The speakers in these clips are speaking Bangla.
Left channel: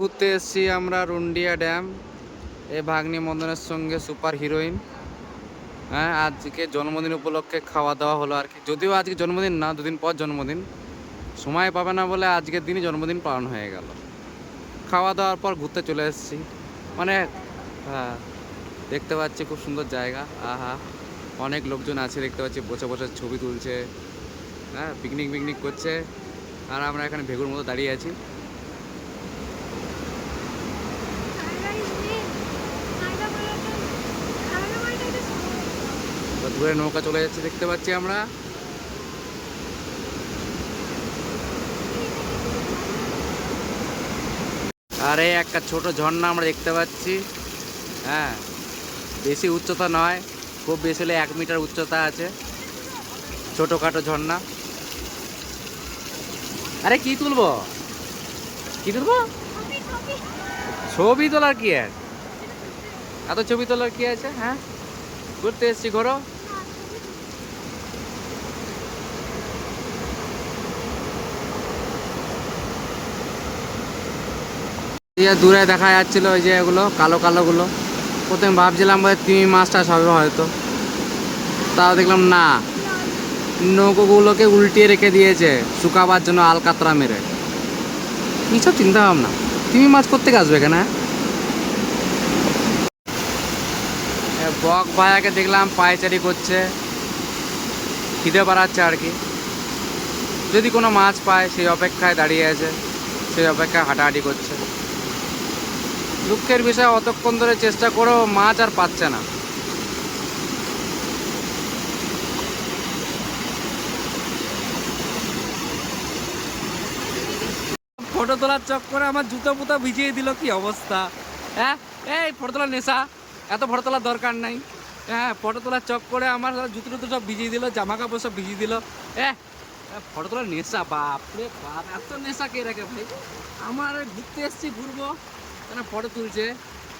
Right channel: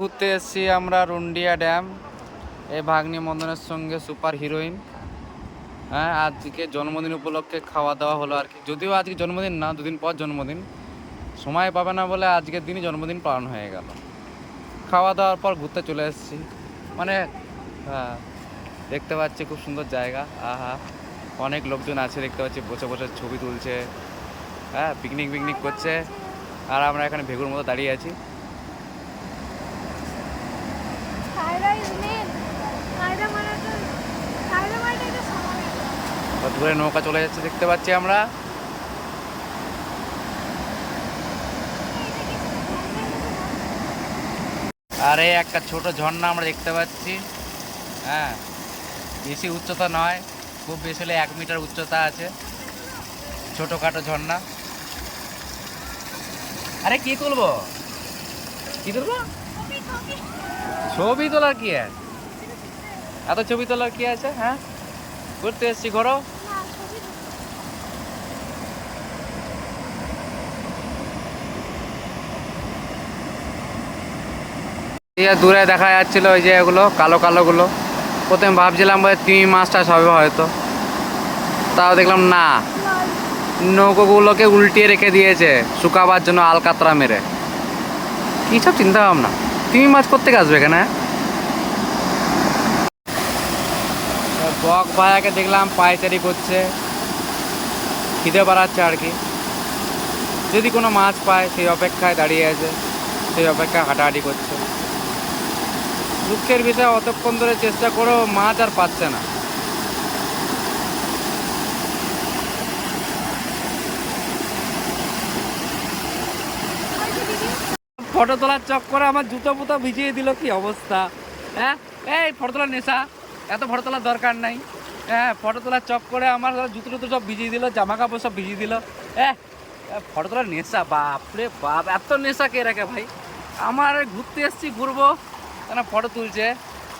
ঘুরতে এসেছি আমরা রুন্ডিয়া ড্যাম। এই ভাগ্নি মন্দনের সঙ্গে সুপার হিরোইন। হ্যাঁ, আজকে জন্মদিন উপলক্ষে খাওয়া দাওয়া হলো আর কি। যদিও আজকে জন্মদিন না, দুদিন পর জন্মদিন। সময় পাবে না বলে আজকের দিনই জন্মদিন পালন হয়ে গেল। খাওয়া দাওয়ার পর ঘুরতে চলে এসেছি। মানে হ্যাঁ, দেখতে পাচ্ছি খুব সুন্দর জায়গা। আহা, অনেক লোকজন আছে দেখতে পাচ্ছি, বসে বসে ছবি তুলছে। হ্যাঁ, পিকনিক করছে। আর আমরা এখানে ভেগুর মতো দাঁড়িয়ে আছি। দূরে নৌকা চলে যাচ্ছে দেখতে পাচ্ছি আমরা। আরে একটা ছোট ঝর্ণা আমরা দেখতে পাচ্ছি। হ্যাঁ, বেশি উচ্চতা নয়, খুব বেশি হলে 1 মিটার উচ্চতা আছে। ছোটখাটো ঝর্ণা। আরে কি তুলবো, কি তুলবো? ছবি তোলার কি আছে? এত ছবি তোলার কি আছে? হ্যাঁ, ঘুরতে এসছি, ঘোরো। দূরে দেখা যাচ্ছিল ওই যে এগুলো কালো কালো গুলো। প্রথমে ভাবছিলাম বোধহয় তিমি মাছ টাছ হবে হয়তো, তাও দেখলাম না, নৌকোগুলোকে উল্টিয়ে রেখে দিয়েছে শুকাবার জন্য আলকাতরা মেরে। কী সব চিন্তা ভাবনা! তিমি মাছ কোত্থেকে আসবে এখানে? বক ভাইয়াকে দেখলাম পায়চারি করছে, খিদে বাড়াচ্ছে আর কি। যদি কোনো মাছ পায় সেই অপেক্ষায় দাঁড়িয়ে আছে, সেই অপেক্ষায় হাঁটাহাঁটি করছে। দুঃখের বিষয়, অতক্ষণ ধরে চেষ্টা করেও মাছ আর পাচ্ছে না। ফটো তোলার চক্করে আমার জুতো পুতো ভিজিয়ে দিল, কি অবস্থা! হ্যাঁ, এই ফটো তোলার নেশা, এত ফটো তোলার দরকার নাই। হ্যাঁ, ফটো তোলার চক্করে আমার জুতো টুতো সব ভিজিয়ে দিল, জামা কাপড় সব ভিজিয়ে দিল। ফটো তোলার নেশা, বাপ রে বাপ! এত নেশা কে রাখে ভাই? আমার ঘুরতে এসছি, ঘুরবো, কেন ফটো তুলছে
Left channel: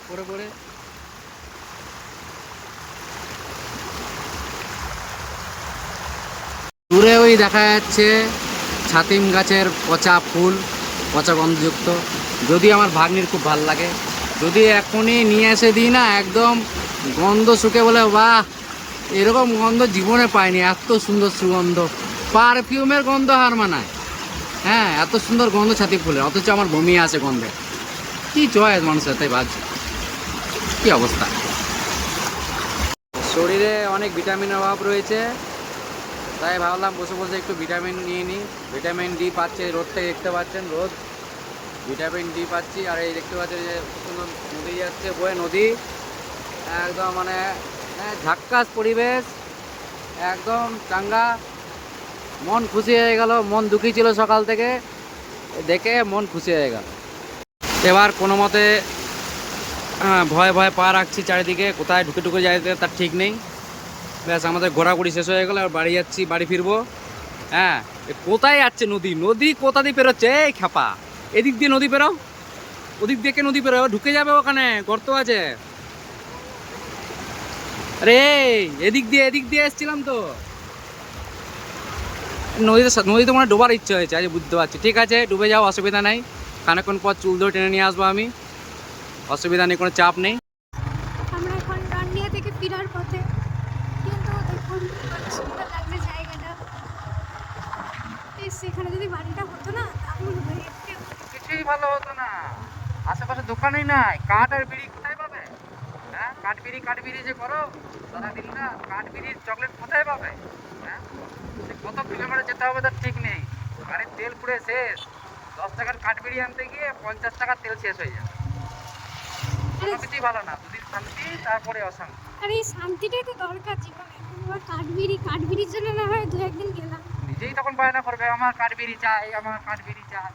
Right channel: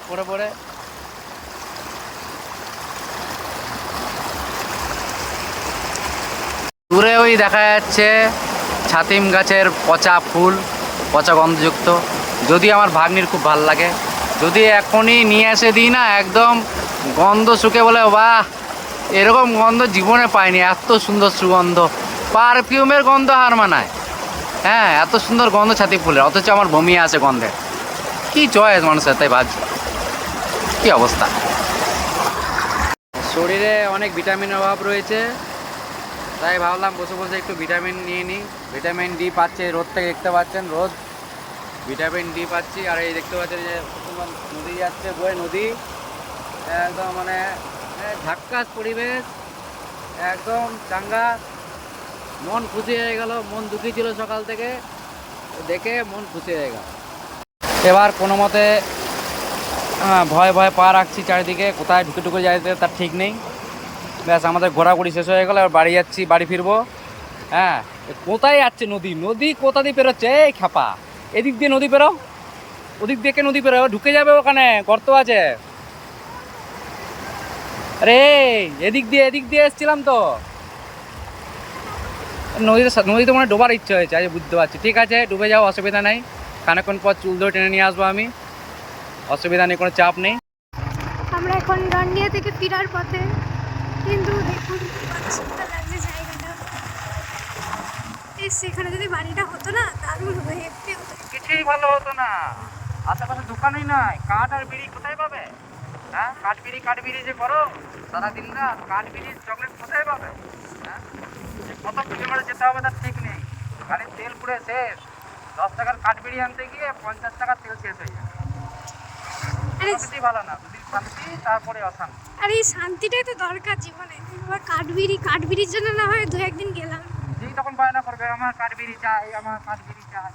পরে পরে। দূরে ওই দেখা যাচ্ছে ছাতিম গাছের পচা ফুল, পচা গন্ধযুক্ত। যদি আমার ভাগ্নির খুব ভাল লাগে, যদি এখনই নিয়ে এসে দিই না, একদম গন্ধ শুকে বলে বাহ, এরকম গন্ধ জীবনে পাইনি, এত সুন্দর সুগন্ধ, পারফিউমের গন্ধ হার মানায়। হ্যাঁ, এত সুন্দর গন্ধ ছাতি ফুলের, অথচ আমার বমি আসে গন্ধে। কি চয়েস মানুষের, তাই বাজ, কি অবস্থা! শরীরে অনেক ভিটামিনের অভাব রয়েছে, তাই ভাবলাম বসে বসে একটু ভিটামিন নিয়ে নিই। ভিটামিন ডি পাচ্ছে রোদ থেকে, দেখতে পাচ্ছেন রোদ, ভিটামিন ডি পাচ্ছি। আর এই দেখতে পাচ্ছেন যে নদী যাচ্ছে, বয়ে নদী, একদম মানে ঝাক্কাস পরিবেশ, একদম চাঙ্গা। মন খুশি হয়ে গেল, মন দুঃখী ছিল সকাল থেকে, দেখে মন খুশি হয়ে গেল। এবার কোনো মতে ভয়ে ভয়ে পা রাখছি চারিদিকে, কোথায় ঢুকে ঢুকে যাইতে তার ঠিক নেই। ব্যাস, আমাদের ঘোরাঘুরি শেষ হয়ে গেল, এবার বাড়ি যাচ্ছি, বাড়ি ফিরবো। হ্যাঁ, কোথায় যাচ্ছে নদী? নদী কোথা দিয়ে পেরোচ্ছে? এই খ্যাপা, এদিক দিয়ে নদী পেরো, ওদিক দিয়ে নদী পেরো, ঢুকে যাবে, ওখানে গর্ত আছে। আরে এদিক দিয়ে এসছিলাম তো। নদীতে মনে ডোবার ইচ্ছে হয়েছে, আজ বুঝতে পারছি। ঠিক আছে, ডুবে যাও, অসুবিধা নেই। খানিকক্ষণ পর চুল ধরে টেনে নিয়ে আসবো আমি, অসুবিধা নেই, কোনো চাপ নেই। আমরা এখন গান্ডিয়া থেকে ফেরার পথে, কিন্তু দেখুন কত সুন্দর লাগছে জায়গাটা। সেখানে যদি বাড়িটা হতো না, দারুণ হতো, হেঁটে হতো। কিছুই ভালো হতো না, আশেপাশে দোকানই নাই, কাঠ আর বিড়ি কোথায় পাবে? হ্যাঁ, কাঠ বিড়ি যে করো সারাদিন রাত, কাঠ বিড়ির চকলেট কোথায় পাবে? হ্যাঁ, কত কিলোমিটার যেতে হবে তার ঠিক নেই। গাড়ির তেল পুড়ে শেষ, 10 টাকার কাঠ বিড়ি আনতে গিয়ে 50 টাকার তেল শেষ হয়ে যাবে। কোনো কিছুই ভালো না, দুদিন শান্তি তারপরে অশান্তি। আর এই শান্তিটাই তো দরকার জীবনে। কাঠবিড়ির জন্য না হয় 2-1 দিন গেলাম, নিজেই তখন বায়না করবে আমার কাঠ বিড়ি চাই, আমার কাঠ বিড়ি চাই।